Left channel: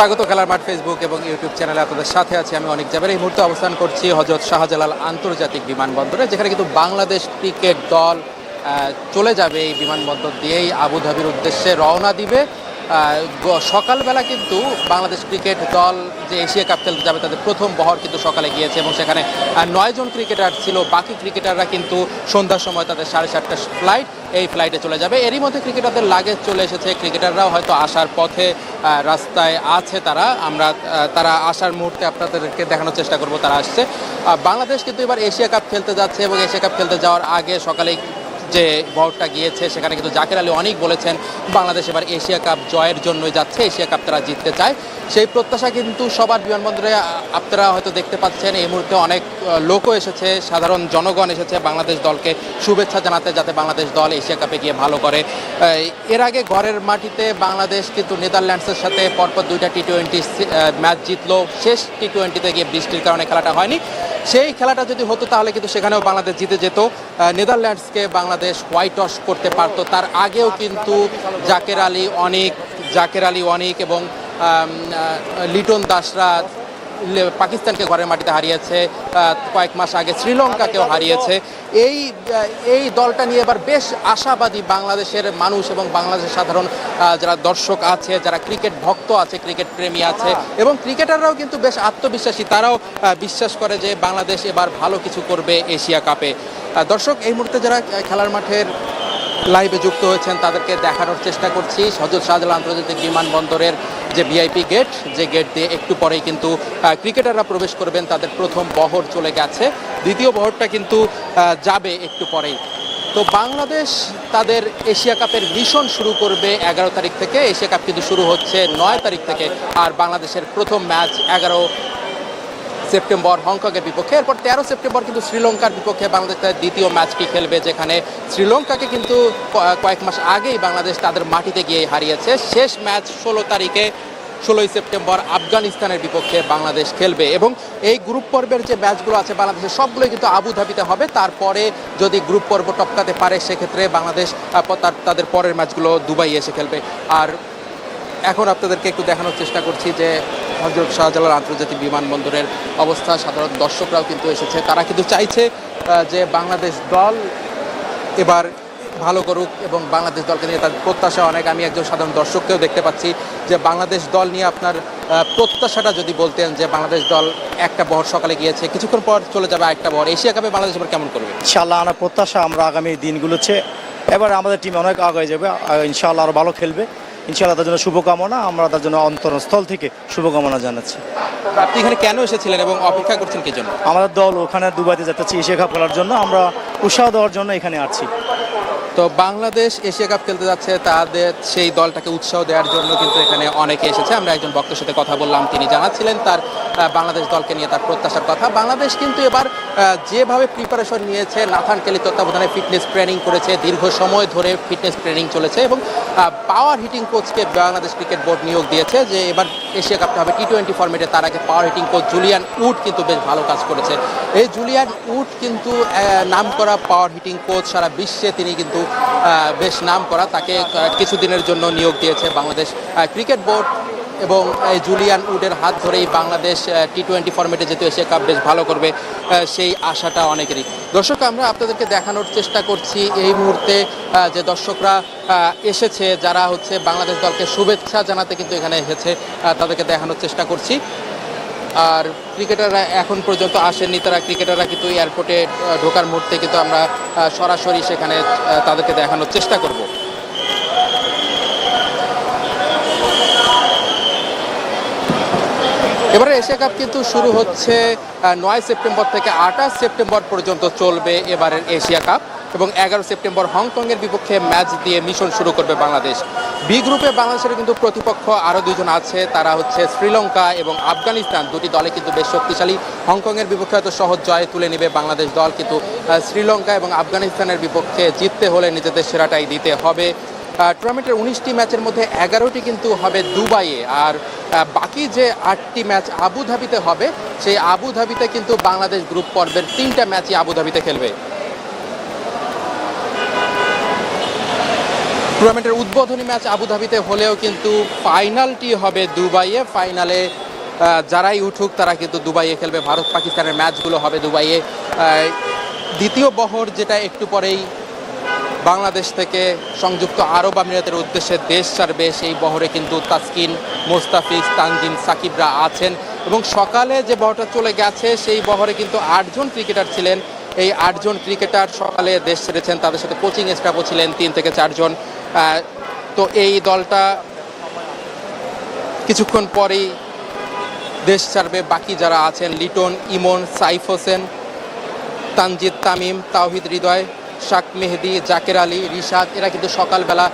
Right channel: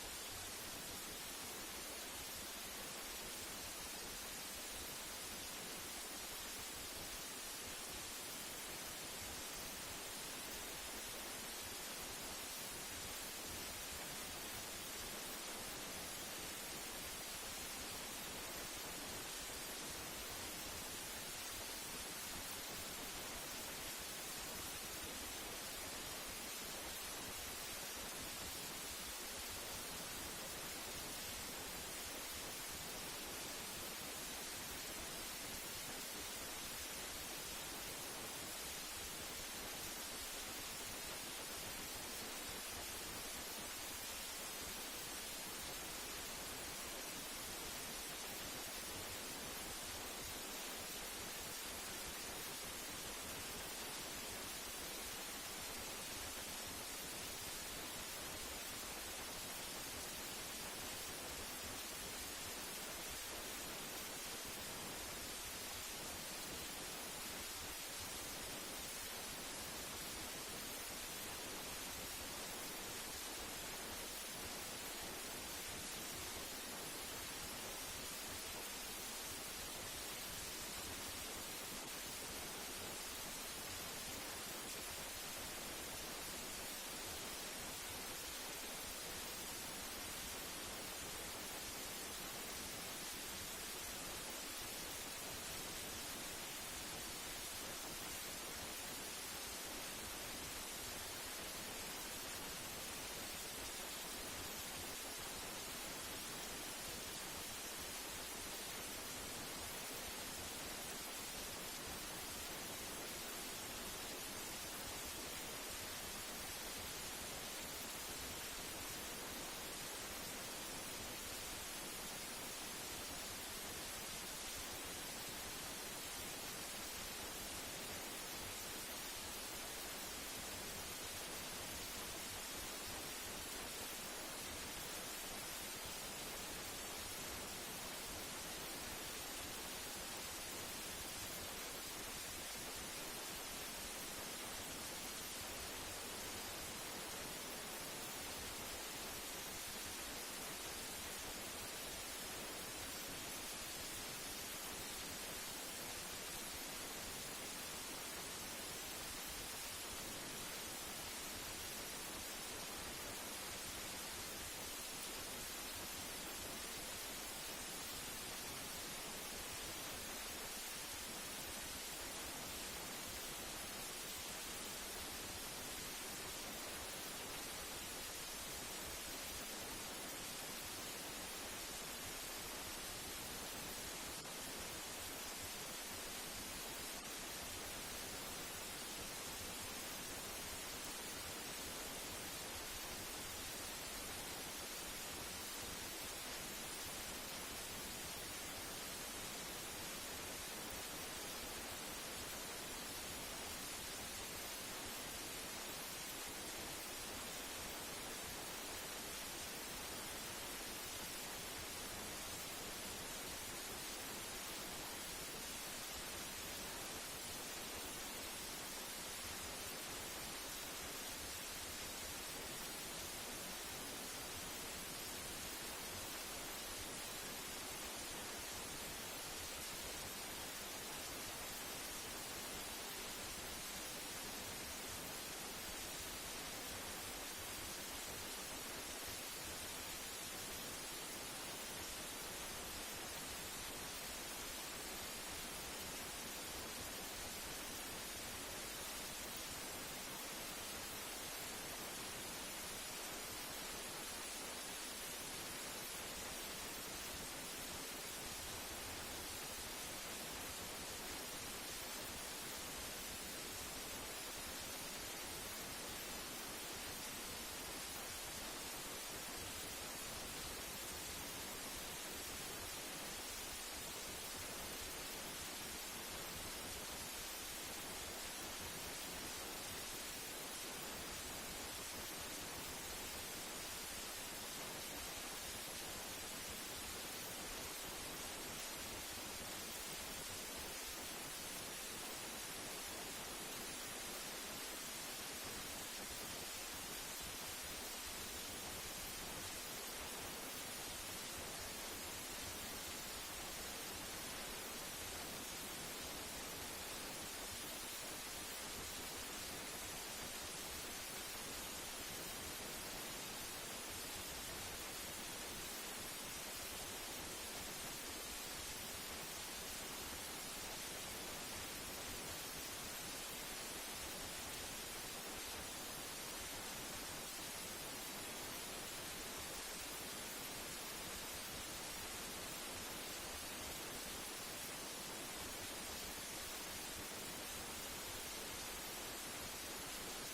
স্বাগত খেলার মাঠ ফেসবুক এবং ইউটিউব চ্যানেলে আপনাদের সাথে আছি। আমি অনেক জায়গায় এই মুহূর্তে অবস্থান করছি হজরত শাহজালাল আন্তর্জাতিক বিমানবন্দরে, যেখানে কিন্তু বাংলাদেশ ক্রিকেট দল চলে যাবে এই বিমানবন্দর দিয়েই আবুধাবির উদ্দেশ্যে রওনা দিবে। সকালবেলা কিন্তু বাংলাদেশ ক্রিকেট দল যে এশিয়া কাপ খেলতে যাবে তাদের প্রথম বহর কিন্তু সকালে গিয়েছে এবং সেখানে আহ, নয় জন ক্রিকেটার ছিল। বাকি ক্রিকেটাররা কিন্তু সন্ধ্যার সময় তাদের সাড়ে সাতটা ফ্লাইট এই ফ্লাইটে চলে যাবে। এরই মধ্যে ক্রিকেটারদের লাগেজ চলে এসেছে। ক্রিকেটাররাও হয়তো আসার পথে রাস্তায় আছে তারা। আমরা তারা আসার মুহূর্তে আপনাদেরকে দেখানোর চেষ্টা করব তারা আসছে। বাংলাদেশ কিন্তু এবার এশিয়া কাপ খেলতে যাচ্ছে এবং এশিয়া কাপ খেলতে যাওয়ার আগে সকালেই যে বহরটা গিয়েছে, সেখানে কিন্তু জাকের আলী অনেক বলেছেন, বাংলাদেশ এবার এশিয়া কাপ জয়ের জন্যই যাচ্ছে, এশিয়া কাপ তারা জিততে চায়। সেই প্রত্যাশা কিন্তু সবার বিমানবন্দরে আপনারা হয়তো দেখতে পাচ্ছেন, এই মুহূর্তে অনেক লোকও এসেছে, সাধারণ জনগণ এসেছে বাংলাদেশ দলকে শুভেচ্ছা জানাতে, যাতে বাংলাদেশ দল এশিয়া কাপে গিয়ে ভালো করে এর আগে ঘরের মাটিতে বাংলাদেশ কিন্তু নেদারল্যান্ডসের সাথে পরপর দুইটা টি টোয়েন্টি ম্যাচ জিতলো। শেষ টি টোয়েন্টিতে গিয়ে বৃষ্টির কারণে খেলাটা হয়নি। সেই খেলাটা যদি হতো, তাহলে কিন্তু সেখানেও বাংলাদেশ জিতে যেত। নেদারল্যান্ডসকে বাংলাদেশ হোয়াইট ওয়াশ করতে পারতো। তার আগেও কিন্তু জাকের আলী অনেক, জাকের আলী অনেক এবং লিটন দাসরা পাকিস্তানকে ঘরের মাটিতে হারিয়েছে কয়েক মাস আগে শ্রীলঙ্কাকেও হারিয়েছে। এই এই দলটা নিয়ে এবার বেশ আশাবাদী বাংলাদেশের মানুষ এবং বাংলাদেশের সাধারণ যারা দর্শক আছে, যারা ক্রিকেট ভক্ত আছে, ক্রিকেট প্রেমী আছে এবং ক্রিকেটাররাও কিন্তু বেশ আত্মবিশ্বাসী। তারাও বিশ্বাস করে যে বাংলাদেশ এবার ভালো কিছু করবে এশিয়া কাপে। দর্শক, এই মুহূর্তে যারা খেলার মাঠের লাইভে যুক্ত হয়েছেন, তাদেরকে দেখানোর চেষ্টা করছি। হজরত শাহজালাল আন্তর্জাতিক বিমানবন্দরের যে ভিআইপি গেট যে গেট দিয়ে একটু পরেই কিন্তু ক্রিকেটাররা প্রবেশ করবেন, তাদের প্রথম বহর চলে গেছে। দ্বিতীয় বহরটা কিন্তু যাবে একটু পরেই। তো বাংলাদেশ তাদের এশিয়া কাপের মিশন শুরু করবে এগারো তারিখ থেকে। এশিয়া কাপ কিন্তু শুরু হচ্ছে নয় তারিখ থেকে। আর বাংলাদেশের প্রথম ম্যাচ এগারো সেপ্টেম্বর হংকংয়ের বিপক্ষে। এরপর তেরো সেপ্টেম্বর কিন্তু শ্রীলঙ্কার বিপক্ষে বাংলাদেশ তাদের দ্বিতীয় ম্যাচটি খেলবে, যেখানে শ্রীলঙ্কাকে কিন্তু কয়েক মাস আগেই বাংলাদেশ তাদের মাটিতে গিয়ে হারিয়েছে। শেষ ম্যাচ ষোলো তারিখে, ষোলোই সেপ্টেম্বর আফগানিস্তানের বিপক্ষে বাংলাদেশ খেলবে। এবং এই গ্রুপ পর্বের যে ম্যাচগুলো আছে বাংলাদেশের সবগুলোই কিন্তু আবুধাবিতে হবে। তারপরে যদি গ্রুপ পর্ব টপকাতে পারে, সেক্ষেত্রে বাংলাদেশ তাদের পরের ম্যাচগুলো দুবাই এসে খেলবে। আর এখন আপনাদেরকে একটু দেখানোর চেষ্টা করছি যে হজরত শাহজালাল আন্তর্জাতিক বিমানবন্দরের অবস্থা, সাধারণ দর্শকরাও কিন্তু এসেছে। তারা কিন্তু চাইছে যে বাংলাদেশ দল এবার ভালো করুক এবং বাংলাদেশ দলকে নিয়ে তার প্রত্যাশা অনেক। আমি একজন সাধারণ দর্শককেও দেখতে পাচ্ছি যে বাংলাদেশ দল নিয়ে আপনার প্রত্যাশাটা যদি বলতেন যে বাংলাদেশ দল একটা বহর সকালে গিয়েছে, কিছুক্ষণ পর চলে যাবে একটা বহর। এশিয়া কাপে বাংলাদেশ এবার কেমন করবে? ইনশাআল্লাহ আমরা প্রত্যাশা, আমরা আগামী দিনগুলোতে, এবার আমাদের টিম অনেক আগে যাবে আর ইনশাআল্লাহ আরও ভালো খেলবে। ইনশাআল্লাহ তার জন্য শুভকামনা। আমরা তার জন্য অন্তরস্থল থেকে শুভকামনা জানাচ্ছি। আপনি এখানে কেন এসেছিলেন এবং অপেক্ষা করছেন কি জন্য? আমাদের দল ওখানে দুবাইতে যাচ্ছে এশিয়া কাপ খেলার জন্য। আমরা উৎসাহ দেওয়ার জন্য এখানে আসছি। তো বাংলাদেশ এশিয়া কাপ খেলতে যাচ্ছে তাদের সেই দলটাকে উৎসাহ দেওয়ার জন্য কিন্তু এখানে অনেকে এসেছে। আমরা একজন বক্তার সাথে কথা বললাম তিনি জানাচ্ছিলেন তার বাংলাদেশ দলকে নিয়ে তার প্রত্যাশার কথা। বাংলাদেশ কিন্তু এবার যেভাবে প্রিপারেশন নিয়েছে, নাথান কেলি তত্ত্বাবধানে ফিটনেস ট্রেনিং করেছে, দীর্ঘ সময় ধরে ফিটনেস ট্রেনিং চলেছে এবং পাওয়ার হিটিং কোচকে বাংলাদেশ ক্রিকেট বোর্ড নিয়োগ দিয়েছে যে এবার এশিয়া কাপটা হবে টি টোয়েন্টি ফর্মেটে তার আগে power hitting coach Julian Wood কিন্তু বেশ ভালো কাজ করেছে। এই জুলিয়ান উড কিন্তু নাম করা পাওয়ার হিটিং কোচ সারা বিশ্বে তিনি কিন্তু বেশ নাম করা তাকে কিছুদিনের জন্য নিয়োগ দিয়েছে বাংলাদেশ ক্রিকেট বোর্ড এবং এই জুলিয়ান উডের হাত ধরেই বাংলাদেশ টি টোয়েন্টি ফর্মেটে যেহেতু এশিয়া কাপ বেশ ভালো করবে সেই আশাটা অনেকেরই। দর্শক, আমরা আপনাদেরকে দেখানোর চেষ্টা করছি এই মুহূর্তে যে দর্শকরা এসেছে, যারা হচ্ছে বাংলাদেশ দলকে শুভেচ্ছা জানাতে কিন্তু এখানে এসেছে তাদেরকে দেখানোর চেষ্টা করছি। আর ক্রিকেটাররা এখন পর্যন্ত আসেননি, তারা ক্রিকেটাররা কিন্তু এয়ারপোর্টে ঢোকার মুহূর্তে কিন্তু আমরা সরাসরি সেখানে তাদেরকে দেখানোর চেষ্টা করব। এবারে এশিয়া কাপ কিন্তু শুরু হচ্ছে নয় সেপ্টেম্বর থেকে আঠাশ সেপ্টেম্বর পর্যন্ত চলবে এবারের এশিয়া কাপ এবং এগারো সেপ্টেম্বর হংকংয়ের বিপক্ষে ম্যাচ দিয়ে মিশন শুরু করবে বাংলাদেশ। বি গ্রুপে বাংলাদেশের কিন্তু প্রতিপক্ষ আরও দুজন আছে, তারা হচ্ছে শ্রীলঙ্কা এবং আফগানিস্তান। দুটি দলে কিন্তু বেশ শক্তিশালী। হংকংয়ের বিপক্ষে হয়তো সহজ জয় তুলে নেবে বাংলাদেশ দল, কিন্তু শ্রীলঙ্কা এবং আফগানিস্তানের বিপক্ষে জিততে হলে নিজেদের সেরাটাই দিতে হবে। টুর্নামেন্টের উনিশটি ম্যাচের মধ্যে এগারোটি কিন্তু হবে দুবাইয়ে। আর বাকি যে আটটি ম্যাচ আবুধাবিতে হবে, সেই আবুধাবিতে কিন্তু বাংলাদেশ গ্রুপ পর্বের তিনটা ম্যাচই আবুধাবিতে খেলবে। টুর্নামেন্টের উদ্বোধনী ম্যাচ আবুধাবিতে হলেও কিন্তু ফাইনালটি হবে দুবাইয়ে। ফাইনালে যারাই উঠুক, তারা কিন্তু দুবাইয়ে খেলবে। ভারত পাকিস্তানের ম্যাচগুলো হবে দুবাইয়ে। দ্বিতীয় বহর যেটা একটু পরেই বাংলাদেশ থেকে সংযুক্ত আরব আমিরাতের উদ্দেশ্যে দেশ ছাড়বে সেই বহরে কিন্তু তাসকিন, মোস্তাফিজ, তানজিম, সাকিবরা আছেন। এবং সকালে যে বহরটা চলে গেছে, সেই বহরে কিন্তু আটজন ক্রিকেটার ছিলেন। এই আটজন ক্রিকেটার সকালে দেশ ছেড়েছেন, তাদের সাথে কোচিং স্টাফও ছিলেন, তিন থেকে চারজন। তো এই দলটা কিছুক্ষণ পরেই দেশ ছাড়বে। বাকি যারা আছেন, লিটন, ইমন, সাইফ হোসেন, তানজিদ, তামিম, তাওহিদ হৃদয় শাক মেহেদি, জাকের আলী, রিশাদ, এরা কিন্তু সকালবেলা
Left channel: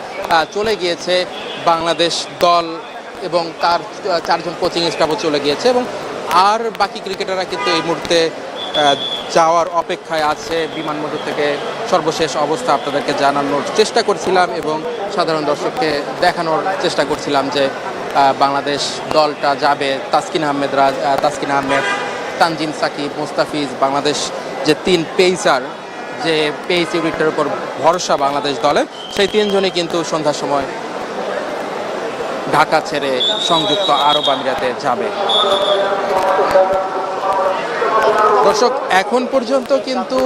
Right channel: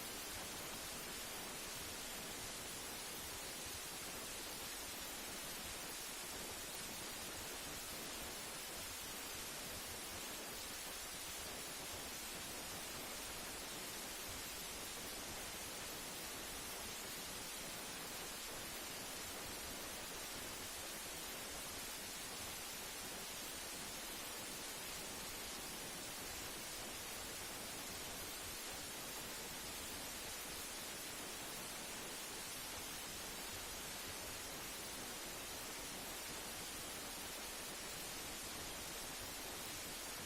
চলে গিয়েছে। বাংলাদেশ দল এবং তার চারজন কোচিং স্টাফও চলে গিয়েছে এবং আর বাকি ক্রিকেটাররা কিন্তু এই মুহূর্তে যাওয়ার অপেক্ষায় আছে। বিমানবন্দর থেকে সর্বশেষ অবস্থা আপনাদেরকে জানানোর চেষ্টা করছিলাম এবং সাধারণ দর্শককে দেখানোর চেষ্টা করছিলাম যে বাংলাদেশ দলটা যাবে। তাসকিন আহমেদ রাজ তাসকিন আহমেদ, তানজিম সাকিব, মুস্তাফিজ, বাংলাদেশ যে তিন পেসার যে পেস ইউনিটের উপর ভরসা বাংলাদেশ দলের সেই তিনজনই কিন্তু সন্ধ্যার সময় ঢাকা ছেড়ে সংযুক্ত আরব আমিরাতে যাবে। দর্শক, এখন পর্যন্ত কিন্তু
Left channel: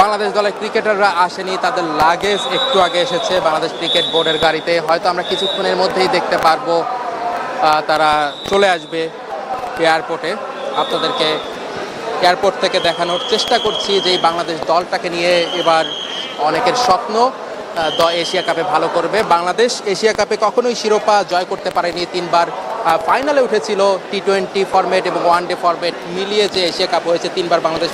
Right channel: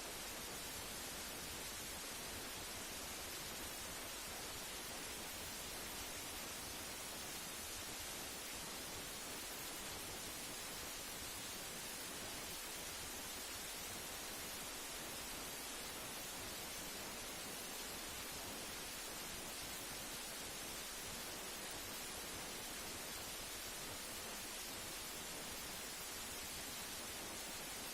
বাংলাদেশ দলের ক্রিকেটাররা আসেনি, তাদের লাগেজ একটু আগে এসেছে বাংলাদেশ ক্রিকেট বোর্ডের গাড়িতে। হয়তো আমরা কিছুক্ষণের মধ্যেই দেখতে পারব তারা চলে আসবে এয়ারপোর্টে আপনাদেরকে এয়ারপোর্ট থেকে দেখানোর চেষ্টা করছি যে এই বাংলাদেশ দলটাকে নিয়ে এবার অনেকের স্বপ্ন দ এশিয়া কাপে ভালো করবে। বাংলাদেশ এশিয়া কাপে কখনোই শিরোপা জয় করতে পারেনি তিনবার। ফাইনালে উঠেছিল টি টোয়েন্টি ফরম্যাট এবং ওয়ান ডে ফরম্যাট মিলিয়ে যে এশিয়া কাপ হয়েছে, তিনবার বাংলাদেশ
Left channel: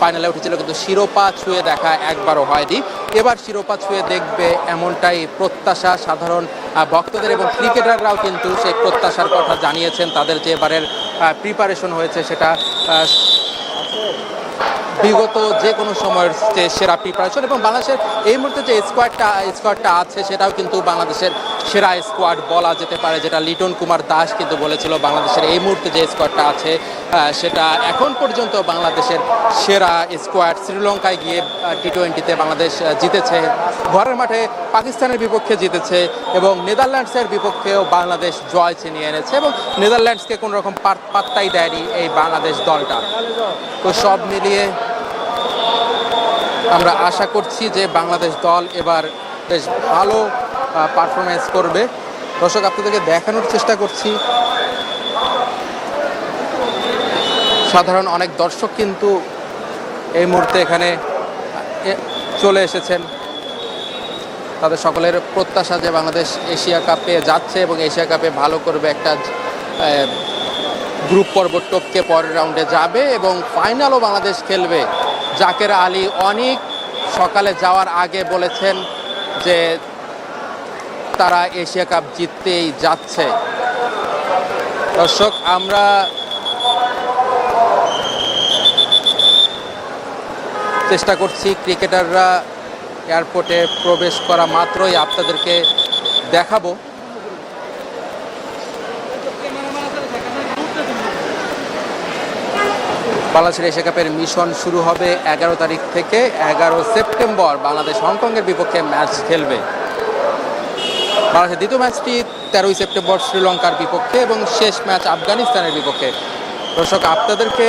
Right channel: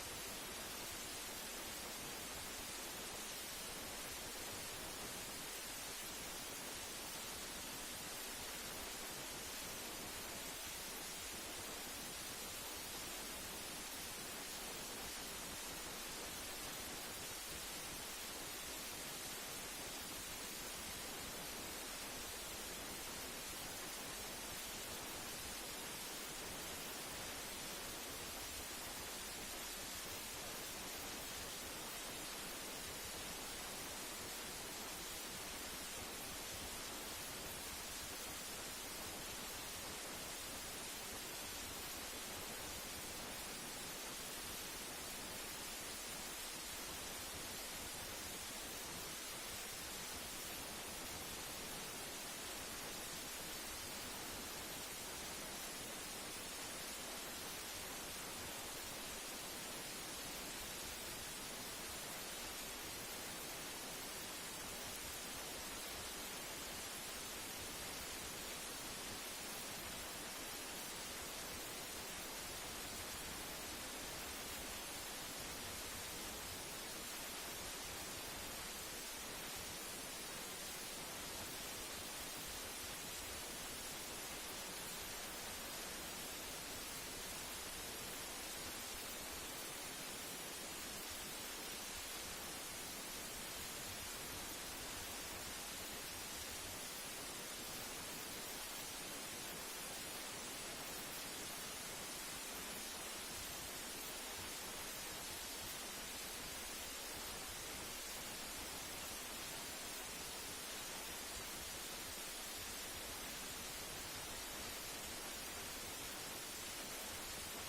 ফাইনালে উঠেছিল, কিন্তু শিরোপা ছুঁয়ে দেখা একবারও হয়নি। এবার শিরোপা ছুঁয়ে দেখবে এমনটাই প্রত্যাশা সাধারণ ভক্তদের এবং ক্রিকেটাররাও কিন্তু সেই প্রত্যাশার কথা জানিয়েছেন। তাদের যে এবারের প্রিপারেশন হয়েছে সেটা বিগত যে কোনো সময়ের সেরা প্রিপারেশন এবং বাংলাদেশের এই মুহূর্তে যে স্কোয়াডটা স্কোয়াডটা আছে, সেটাও কিন্তু বাংলাদেশের সেরা স্কোয়াড বলা যেতে পারে, যেটা লিটন কুমার দাস কিন্তু বলেছিল বাংলাদেশের এই মুহূর্তে যে স্কোয়াডটা আছে সেটা এখন পর্যন্ত বাংলাদেশের সেরা স্কোয়াড শ্রীলঙ্কায় গিয়ে টি টোয়েন্টিতে বাংলাদেশ জিতেছে। ঘরের মাঠে পাকিস্তানের বিপক্ষে জিতেছে এবং নেদারল্যান্ডসের বিপক্ষেও বাংলাদেশ জয় ছিনিয়ে এনেছে এবং নেদারল্যান্ডসকে কোনো রকম পাত্তাই দেয়নি এই বাংলাদেশ দলটা। তো সব মিলিয়ে আমরা আশা করছি যে বাংলাদেশ দল এবার বেশ ভালো পারফরমেন্স করবে। দর্শক, আপনাদেরকে দেখানোর চেষ্টা করছি। সাধারণ অনেক দর্শক কিন্তু এই মুহূর্তে এখানে চলে এসেছেন। তাদের সকলের প্রত্যাশা যে বাংলাদেশ এশিয়া কাপে যাচ্ছে এবং এশিয়া কাপে ভালো করবে একটা গ্রুপ পর্ব টপকে পরের রাউন্ডে যাবে এবং ফাইনালও বাংলাদেশ খেলবে। জাকের আলী অনেক সকালে যাওয়ার আগে বলেছেন যে তারা এশিয়া কাপ জিততেই যাচ্ছে। দর্শক, আমরা চেষ্টা করছি ক্রিকেটাররা এয়ারপোর্টে প্রবেশ করা মাত্রই আপনাদেরকে দেখাবো। বাংলাদেশের এশিয়া কাপের মিশন শুরু হবে এগারো তারিখ থেকে এগারো সেপ্টেম্বর। বাংলাদেশ হংকংয়ের বিপক্ষে ম্যাচ খেলবে। বাংলাদেশের দ্বিতীয় ম্যাচটি তেরোই সেপ্টেম্বর শ্রীলঙ্কার বিপক্ষে এবং শেষ ম্যাচ আফগানিস্তানের বিপক্ষে। দর্শক, আপনাদেরকে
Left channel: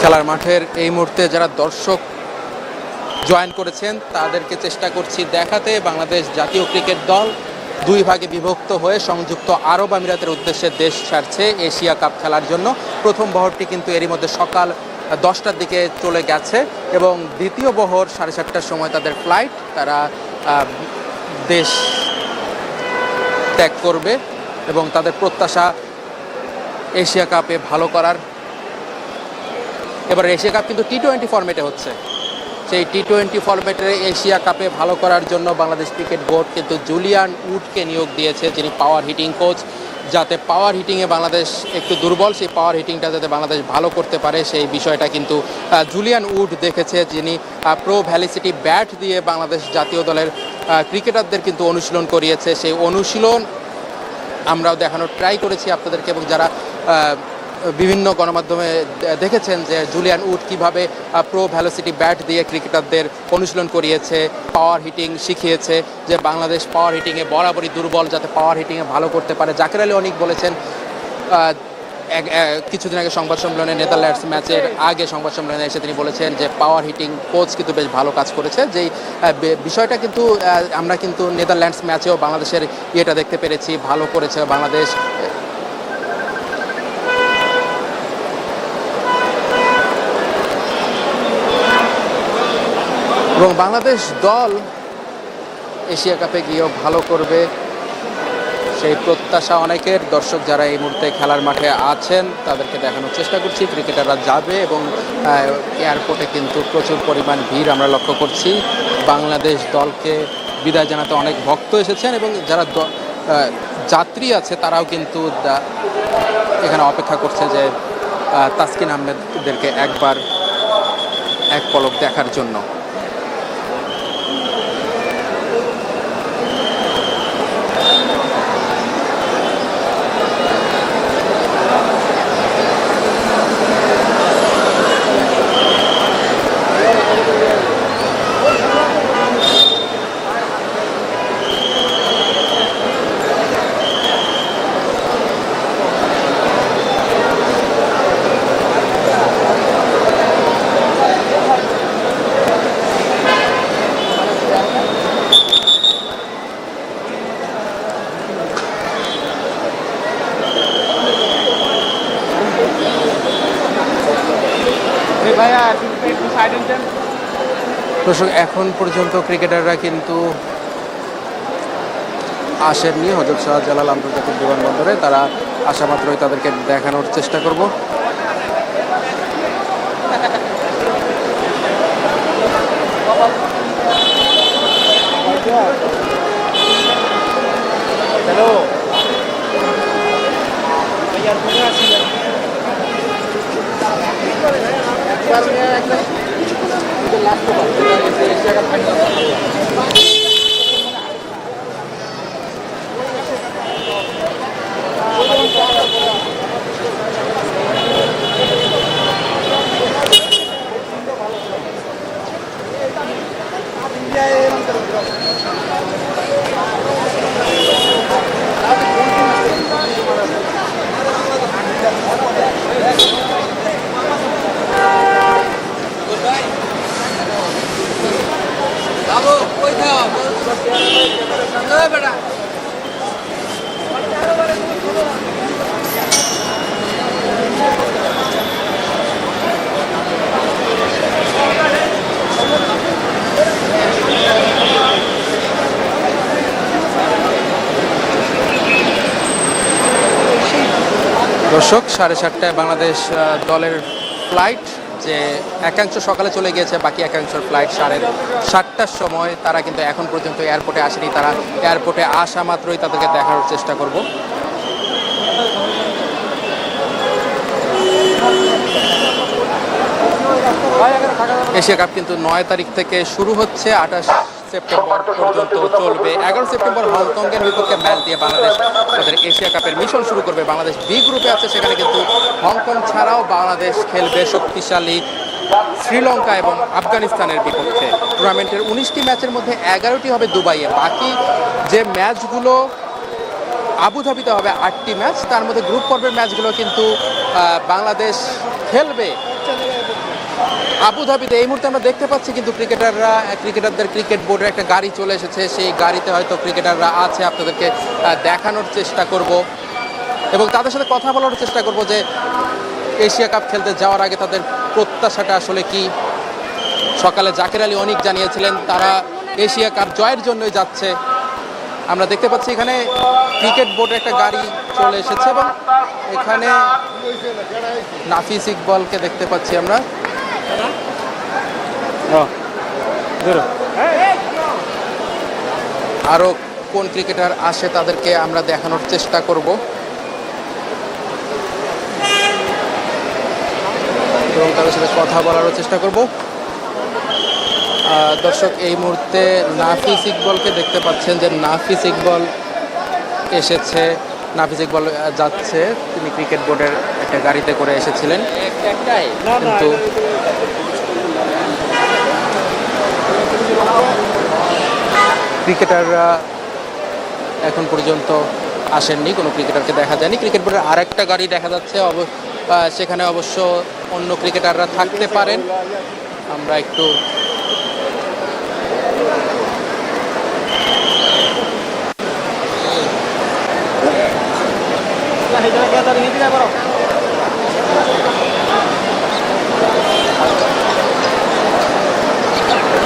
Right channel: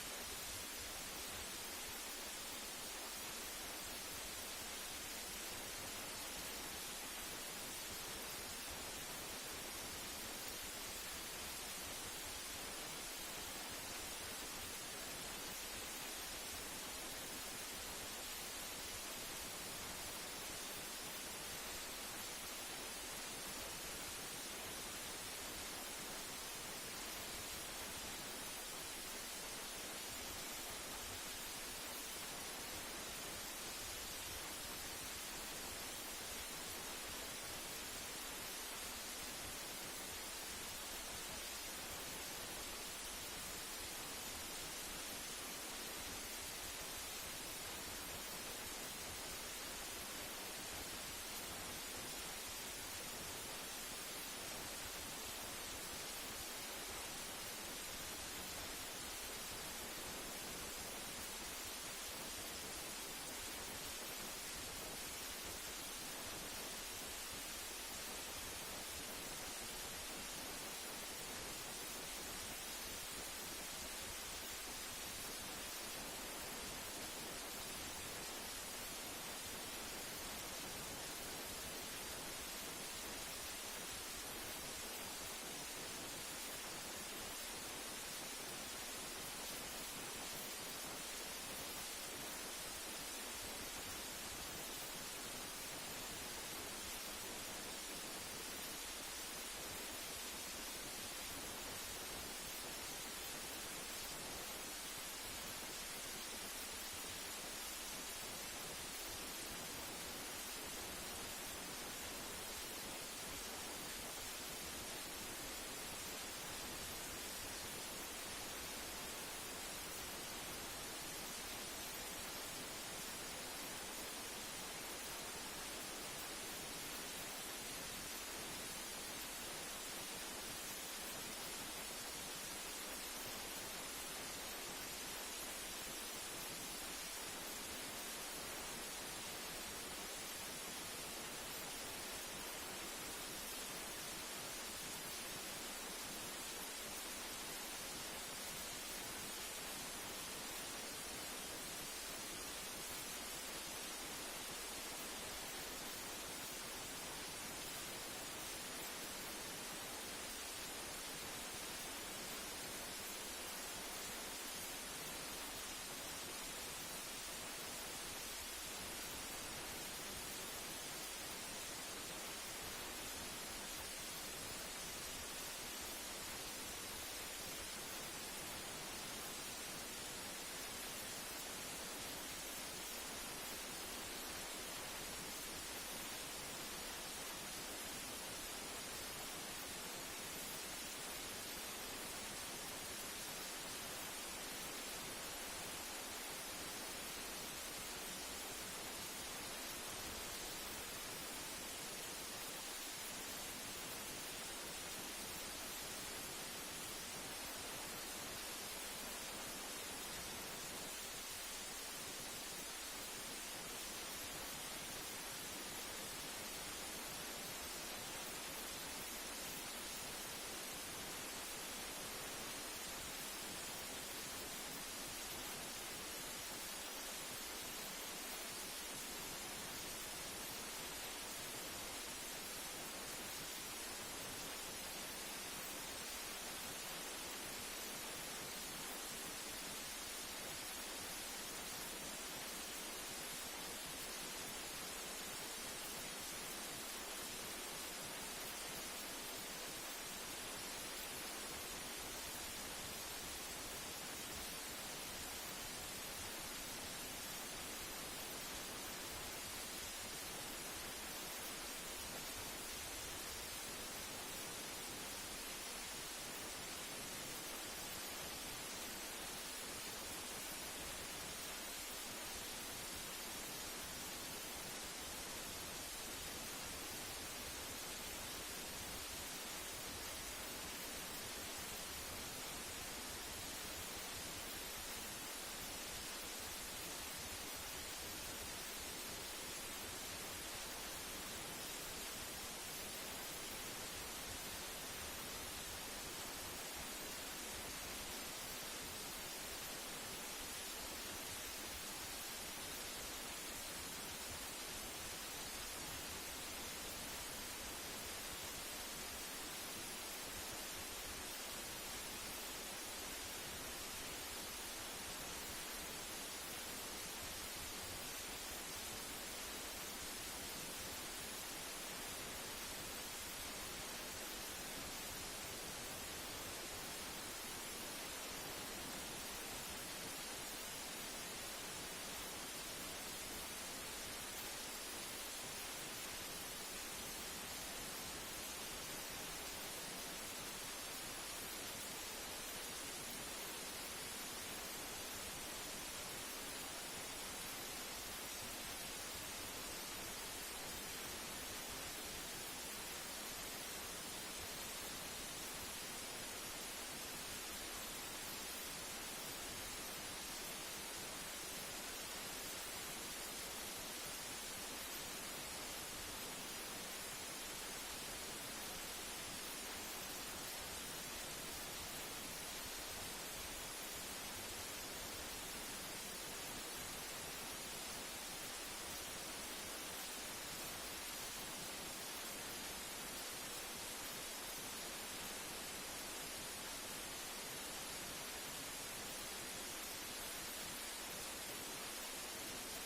খেলার মাঠের এই মুহূর্তে যারা দর্শক জয়েন করেছেন, তাদেরকে চেষ্টা করছি দেখাতে। বাংলাদেশ জাতীয় ক্রিকেট দল দুই ভাগে বিভক্ত হয়ে সংযুক্ত আরব আমিরাতের উদ্দেশ্যে দেশ ছাড়ছে এশিয়া কাপ খেলার জন্য। প্রথম বহরটি কিন্তু এরই মধ্যে সকাল দশটার দিকে চলে গেছে এবং দ্বিতীয় বহর সাড়ে সাতটার সময় তাদের ফ্লাইট তারা দেশ ত্যাগ করবে এবং তাদের প্রত্যাশা এশিয়া কাপে ভালো করার। এবার এশিয়া কাপ কিন্তু টি টোয়েন্টি ফরম্যাটে হচ্ছে। সেই টি টোয়েন্টি ফরম্যাটের এশিয়া কাপে ভালো করার জন্য বাংলাদেশ ক্রিকেট বোর্ড কিন্তু জুলিয়ান উডকে নিয়োগ দিয়েছে, যিনি পাওয়ার হিটিং কোচ যাতে পাওয়ার হিটিংয়ে বাংলাদেশ একটু দুর্বল, সেই পাওয়ার হিটিংটা যাতে বাংলাদেশ ভালো করতে পারে, সেই বিষয়টা কিন্তু জুলিয়ান উড দেখেছে, যিনি প্রো ভ্যালিসিটি ব্যাট দিয়ে বাংলাদেশ জাতীয় দলের ক্রিকেটারদের কিন্তু অনুশীলন করিয়েছে। সেই অনুশীলন আমরাও দেখানোর ট্রাই করেছি আপনাদেরকে এবং যারা বিভিন্ন গণমাধ্যমে দেখেছেন যে জুলিয়ান উড কীভাবে প্রো ভ্যালোসিটি ব্যাট দিয়ে ক্রিকেটারদের অনুশীলন করিয়েছে পাওয়ার হিটিং শিখিয়েছে, যে বাংলাদেশ পাওয়ার হিটিংয়ে বরাবরই দুর্বল যাতে পাওয়ার হিটিংয়ে ভালো করতে পারে। জাকির আলী অনেক বলেছেন কিছুদিন আগে সংবাদ সম্মেলনে নেদারল্যান্ডস ম্যাচের আগে সংবাদ সম্মেলনে এসে তিনি বলেছেন যে পাওয়ার হিটিং কোচ কিন্তু বেশ ভালো কাজ করেছে। যেই বিষয়টা কিন্তু আমরা কিন্তু নেদারল্যান্ডস ম্যাচেও বাংলাদেশের ইয়েটা দেখতে পেরেছি, ভালো করেছে বাংলাদেশ। এবং বাংলাদেশ দল এশিয়া কাপে গিয়েও ভালো করবে সেই প্রত্যাশা অনেকের। দর্শক যারা এই মুহূর্তে খেলার মাঠে আছেন, তাদেরকে দেখানোর চেষ্টা করছি। ক্রিকেটাররা যাবে এবং এয়ারপোর্টে কিন্তু প্রচুর পরিমাণ ভিড় আমরা লক্ষ্য করছি। বাংলাদেশ দলকে বিদায় জানাতে অনেক ভক্ত এসেছেন এবং যারা যাত্রী আছে, তারাও কিন্তু এখানে অপেক্ষা করছে যে তাসকিন আহমেদদেরকে একবার এক পলক দেখার জন্য। দর্শক, এখন পর্যন্ত ক্রিকেটাররা কিন্তু আসেননি হজরত শাহজালাল আন্তর্জাতিক বিমানবন্দরে। তারা আসা মাত্রই তাদেরকে দেখানোর চেষ্টা করব দর্শক সাড়ে সাতটায় বাংলাদেশ দলের ফ্লাইট যে একাংশ সকালে চলে গিয়েছে, বাকি একাংশের ফ্লাইট সাড়ে সাতটার সময়। তারা কিন্তু এখন পর্যন্ত এয়ারপোর্টে আসেনি, তারা এয়ারপোর্টে আসা মাত্রই তাদেরকে দেখার চেষ্টা করব। এশিয়া কাপ কিন্তু নয় তারিখ থেকে শুরু হচ্ছে, আঠাশ সেপ্টেম্বর পর্যন্ত চলবে। এগারো সেপ্টেম্বর হংকংয়ের বিপক্ষে ম্যাচ দিয়ে বাংলাদেশ তাদের এশিয়া কাপের মিশন শুরু করবে। বাংলাদেশ বি গ্রুপে আছে, সেখানে কিন্তু হংকং ছাড়াও বাংলাদেশ খেলবে শক্তিশালী শ্রীলঙ্কা এবং আফগানিস্তানের বিপক্ষে। টুর্নামেন্টের উনিশটি ম্যাচের মধ্যে এগারোটি হবে দুবাইয়ে। বাকি যে ম্যাচগুলো আবুধাবিতে হবে আটটি ম্যাচ, তার মধ্যে গ্রুপ পর্বের ম্যাচগুলো কিন্তু বাংলাদেশ খেলবে আবুধাবিতে এই মুহূর্তে আমরা দেখতে পাচ্ছি কিন্তু ক্রিকেটাররা, ক্রিকেটারদের ক্রিকেট বোর্ডের একটা গাড়ি চলে এসেছে। সেই গাড়িতে হয়তো ক্রিকেটাররা আছে, আপনাদেরকে দেখানোর চেষ্টা করব। এবং তাদের সাথে কথা বলার চেষ্টা করব যে এশিয়া কাপ খেলতে যাওয়ার আগে তাদের প্রত্যাশাটা আসলে কি? সকালে জাকির আলী অনেক জানিয়েছিলেন, তারা এশিয়া কাপ জয়ের জন্যই যাচ্ছে। আমরা দেখতে পাচ্ছি এখানে ক্রিকেট বোর্ডের একটা গাড়ি চলে এসেছে এবং এখানে নাফিস ইকবলকে দেখতে পাচ্ছি আমরা। আরও কোন ক্রিকেটার আসে তাদেরকে আমরা দেখানোর চেষ্টা করব। এবং তাদের সাথে কথা বলারও চেষ্টা করব। দর্শক এই মুহূর্তে নাফিস ইকবলকে দেখতে পাচ্ছেন যে নাফিস ইকবল এসেছে। নাফিজ ইকবাল যাচ্ছে। তিনি ক্রিকেট বোর্ডের একটা গাড়িতে করে এসেছিলেন। কিন্তু ক্রিকেটাররা এখন পর্যন্ত আসেননি, কোনো ক্রিকেটারকে দেখা যায়নি। ক্রিকেট বোর্ডের আরেকটা গাড়ি দেখা যাচ্ছে সেখানে অবশ্য অন্য ক্রিকেটাররা থাকতে পারেন। আমরা একটু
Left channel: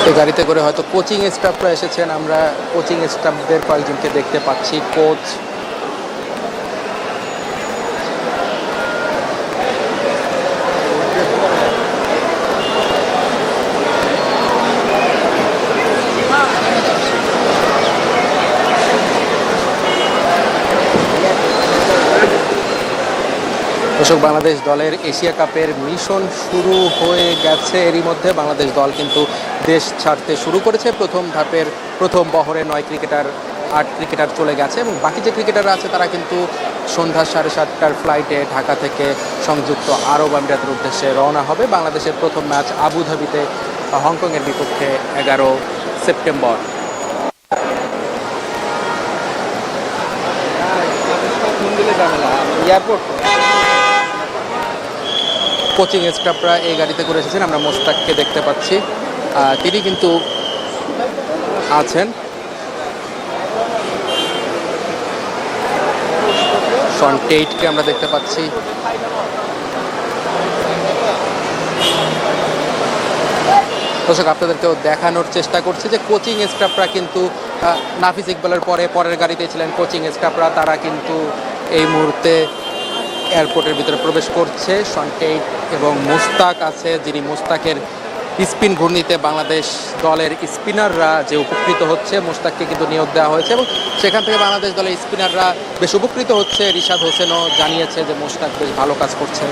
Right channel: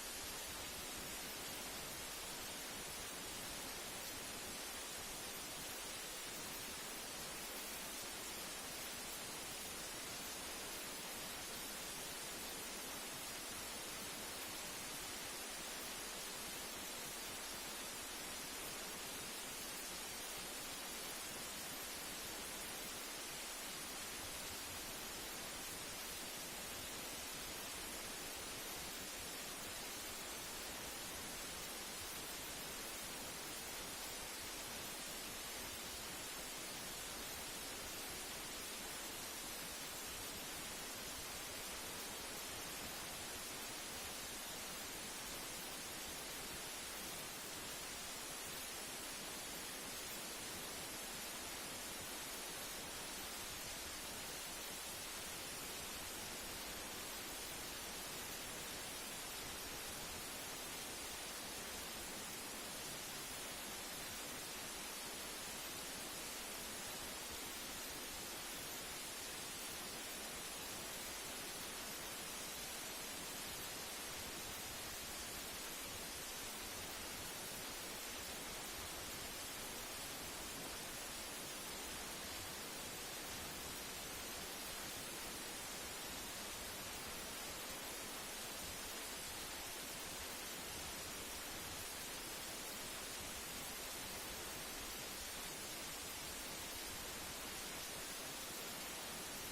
এই গাড়িতে করে হয়তো কোচিং স্টাফরা এসেছেন। আমরা কোচিং স্টাফদের কয়েকজনকে দেখতে পাচ্ছি। কোচ দর্শক, বাংলাদেশ দলের এশিয়া কাপের মিশন শুরু হয়ে গেছে। এরই মধ্যে বাংলাদেশ দল কিন্তু দেশ ছাড়তে শুরু করেছে। প্রথম ধাপের প্রথম বহরে নয় ক্রিকেটার, আট ক্রিকেটার চলে গেছে এবং বাকি যে ক্রিকেটাররা আছে তারা কিন্তু সন্ধ্যা সাড়ে সাতটার ফ্লাইটে ঢাকা থেকে সংযুক্ত আরব আমিরাতের উদ্দেশ্যে রওনা হবে। বাংলাদেশের প্রথম ম্যাচ আবুধাবিতে, হংকংয়ের বিপক্ষে এগারো সেপ্টেম্বর। এয়ারপোর্ট? কোচিং স্টাফরা এই গাড়িতে করে এসেছেন, আমরা মোস্তাককে দেখতে পাচ্ছি। তিনি কিন্তু আছেন। শন টেইটকে আমরা দেখতে পাচ্ছি। দর্শক, আপনাদেরকেও দেখানোর চেষ্টা করছি যে কোচিং স্টাফরা কিন্তু নাফিস ইকবালের পরে পরের গাড়িতে ছিলেন কোচিং স্টাফরা, তারা কিন্তু এই মুহূর্তে এয়ারপোর্টের ভিতরে প্রবেশ করছে। সন্টেক এবং মুস্তাক আছে, যিনি মুস্তাকের স্পিন ঘূর্ণিতে বাংলাদেশ দলের স্পিনাররা যে উপকৃত হচ্ছে, মুস্তাককে কিন্তু নিয়োগ দেওয়া হয়েছে এবং সেখান থেকে বাংলাদেশ দলের স্পিনাররা বেশ উপকৃত হচ্ছে। রিশাদ হোসেনও জানিয়েছে যে মুস্তাক বেশ ভালো কাজ করছে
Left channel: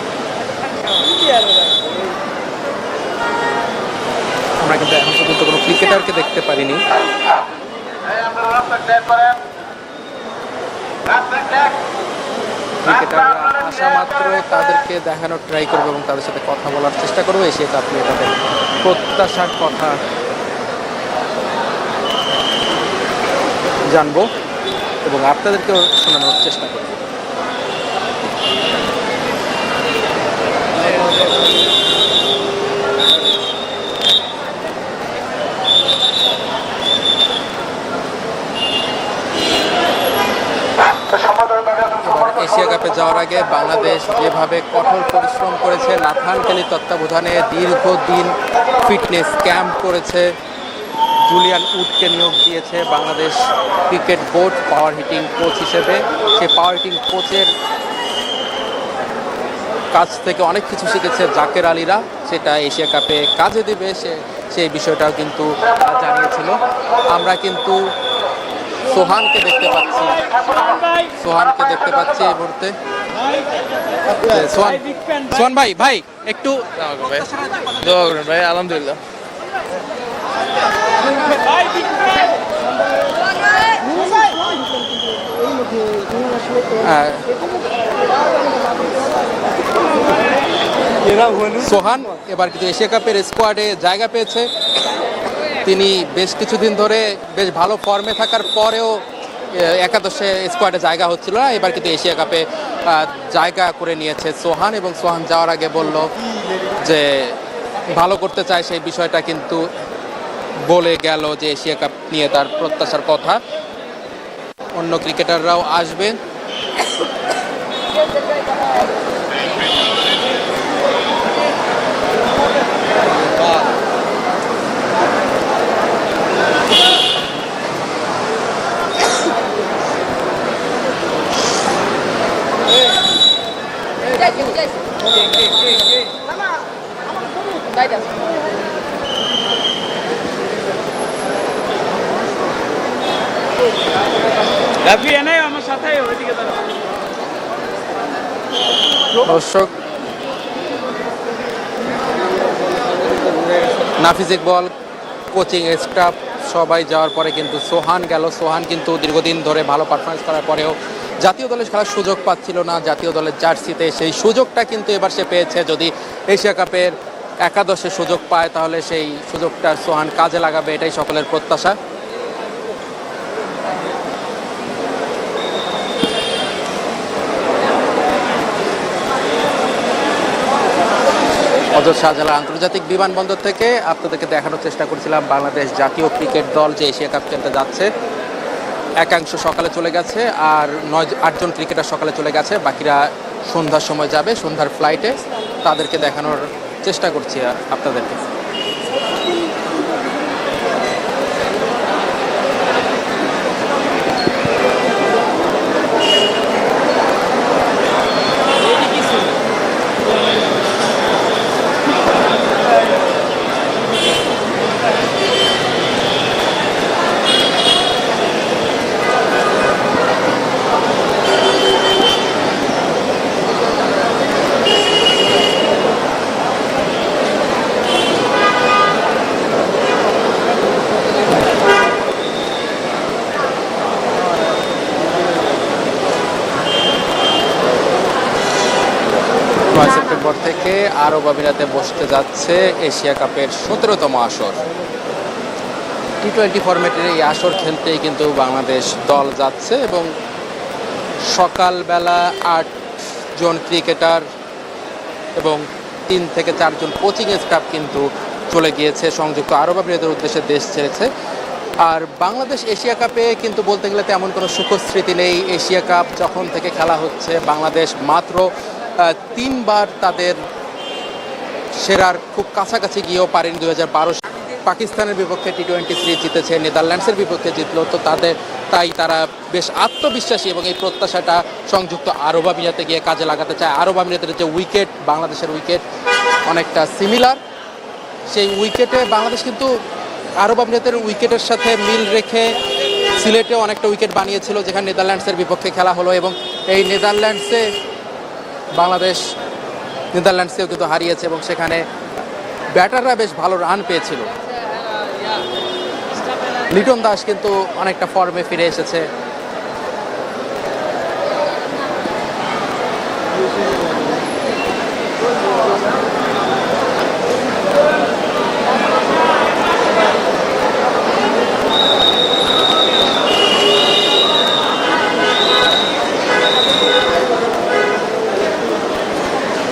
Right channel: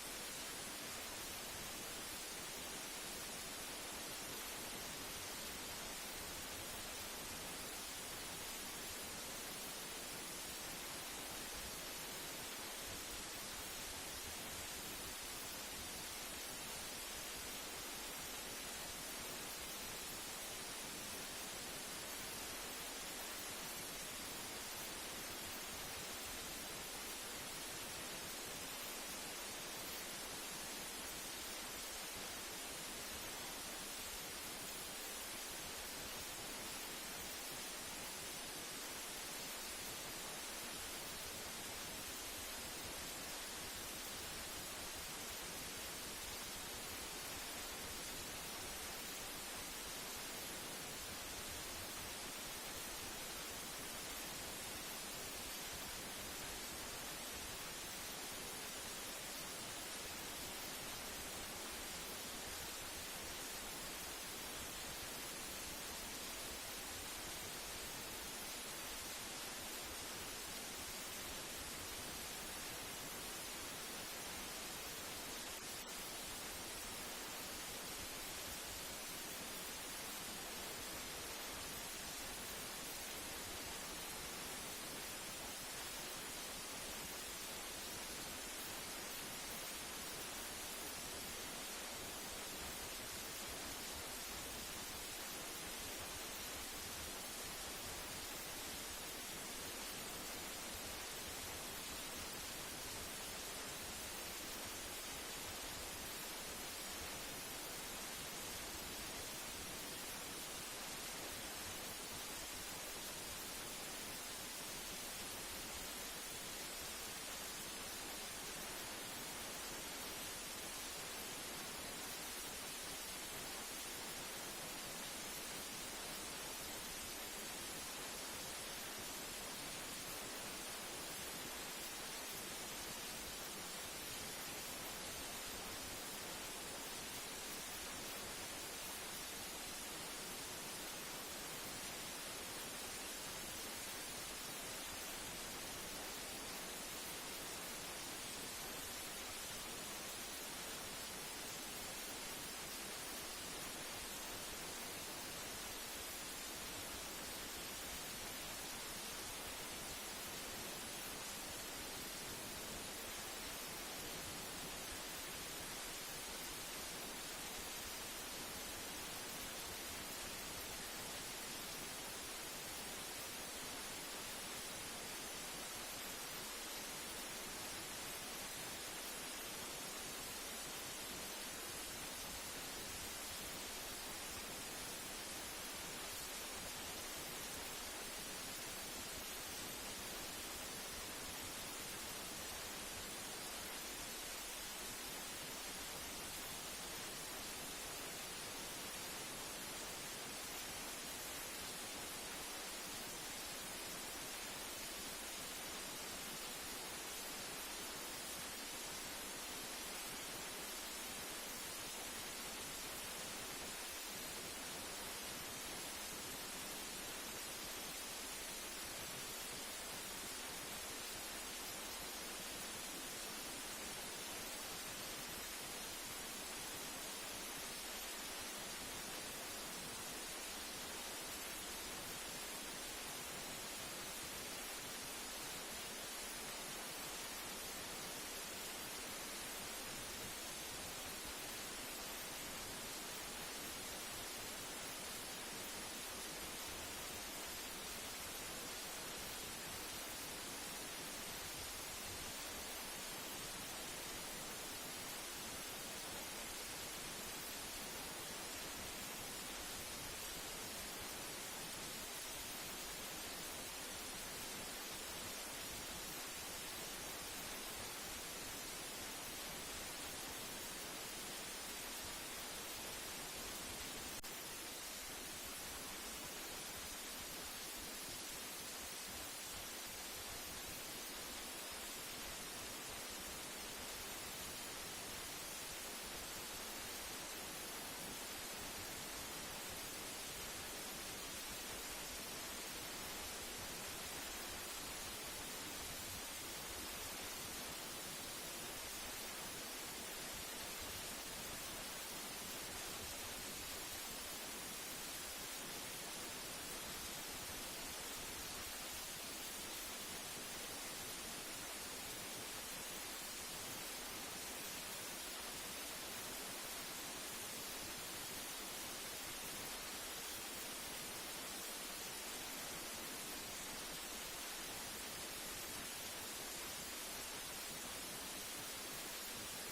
আমরা কিন্তু এখন পর্যন্ত কোনো ক্রিকেটারকে দেখতে পারিনি। ক্রিকেটাররা আসা মাত্র তাদেরকে দেখানোর ট্রাই করব এবং তাদের সাথে কথা বলার চেষ্টা করব। এসে আপনি তাদের প্রত্যাশার কথা জানব এবং আপনাদেরকেও শোনানোর চেষ্টা করব এবার এশিয়া কাপে যাওয়ার আগে বাংলাদেশ যেভাবে কঠোর পরিশ্রম করেছে নাথান তত্ত্বাবধানে দীর্ঘদিন ফিটনেস ক্যাম্প করেছে। জুলিয়ান উডকে নিয়োগ দিয়েছে Bangladesh cricket board power hitting coach হিসেবে। সে পাওয়ার হিটিং কোচের কাছ থেকে অনেক কিছু শিখেছে জাকের আলীরা। সেটা এশিয়া কাপে কাজে দেবে, সে সেই বিষয়টাও কিন্তু জানিয়েছিল। আমরা কিন্তু সোহানকে দেখতে পাচ্ছি। সোহানকে দেখতে পাচ্ছি এই মুহূর্তে। সোহান ভাই ভাই একটু দোয়া করুন ভাই আলহামদুলিল্লাহ সোহান এবার কিন্তু এশিয়া কাপের স্কোয়াডে জায়গা পেয়েছে তিনি বেশ কিছুদিন ধরে বেশ ভালো ফর্মে থাকার পরেও একাদশে স্কোয়াডে জায়গা হচ্ছিল না এবার কিন্তু এশিয়া কাপে জায়গা করে নিয়েছে। সোহান এবং সোহান যাওয়ার আগে বলল যে ভালো করতে চায় সেই বিষয়টা, কিন্তু বলে গেল যে এশিয়া কাপ নিয়ে তার প্রত্যাশার কথা। অন্য ক্রিকেটাররাও আসবেন দর্শক। নাফিজ ইকবল, কোচিং স্টাফ, সবাই যাওয়ার পরে কিন্তু সোহান গেল। সোহান কিন্তু দীর্ঘদিন ধরে ভালো পারফরমেন্স করার পরেও জাতীয় দলে খেলার সুযোগ পাচ্ছিল না। জাতীয় দলের জার্সিতে সেই সুযোগটা কিন্তু এবার সে পেয়েছে। যদি এশিয়া কাপের একাদশে সুযোগ পায়, তাহলে সেই সুযোগটা সোহান কাজে লাগাবে। এটাই সকলের প্রত্যাশা। হজরত শাহজালাল আন্তর্জাতিক বিমানবন্দর থেকে আপনাদেরকে দেখানোর চেষ্টা করছিলাম, বাংলাদেশ জাতীয় ক্রিকেট দল যে এশিয়া কাপ খেলতে যাচ্ছে। একাংশ সকালে চলে গেছে আর নয় আটজন ক্রিকেটার সকালে চলে গেছে, বাকিরা সন্ধ্যার সময় যাবে, সন্ধ্যার ফ্লাইটে তাদেরকে দেখানোর চেষ্টা করছি আপনাদেরকে নয় সেপ্টেম্বর থেকে আরব আমিরাতে বসতে যাচ্ছে এশিয়া কাপের সতেরোতম আসর। টি টোয়েন্টি ফরম্যাটের এই আসর খেলতেই কিন্তু বাংলাদেশ দল যাচ্ছে এবং সকালবেলা আট জন ক্রিকেটার এবং তিন থেকে চারজন কোচিং স্টাফ কিন্তু চলে গিয়েছে। সংযুক্ত আরব আমিরাতের উদ্দেশ্যে দেশ ছেড়েছে। আর বাংলাদেশ এশিয়া কাপে কিন্তু বলতে গেলে তেমন কোনো সুখস্মৃতি নেই। এশিয়া কাপ যখন থেকে খেলা হচ্ছে, বাংলাদেশ মাত্র তিনবার তাদের সেরার খুব কাছাকাছি গিয়েও পারেনি দু হাজার বারো পাকিস্তানের বিপক্ষে টি টোয়েন্টি থ্রি জিতেছে, নেদারল্যান্ডসের বিপক্ষে জিতলো। তো তাদের, তাই তারা বেশ আত্মবিশ্বাসী এবং এই প্রত্যাশাটা সংযুক্ত আরব আমিরাতে গিয়ে কাজে লাগাতে চায়। আরব আমিরাতের যে উইকেট, বাংলাদেশের উইকেট অনেকটা সিমিলার সেই উইকেটে বাংলাদেশ কিন্তু আরব আমিরাতের উইকেটের সাথে মিল রেখে সিলেটে অনেকটা উইকেট বানিয়েছিল, যেখানে নেদারল্যান্ডসের বিপক্ষে খেলা হলো এবং এই নেদারল্যান্ডসে বাংলাদেশ নেদারল্যান্ডসকেও কিন্তু হারিয়েছে এবং সেখানে ব্যাটাররা বেশ ভালো রান পেয়েছিল। লিটন দাস কিন্তু অনেকটা ফর্মে ফিরে এসেছে।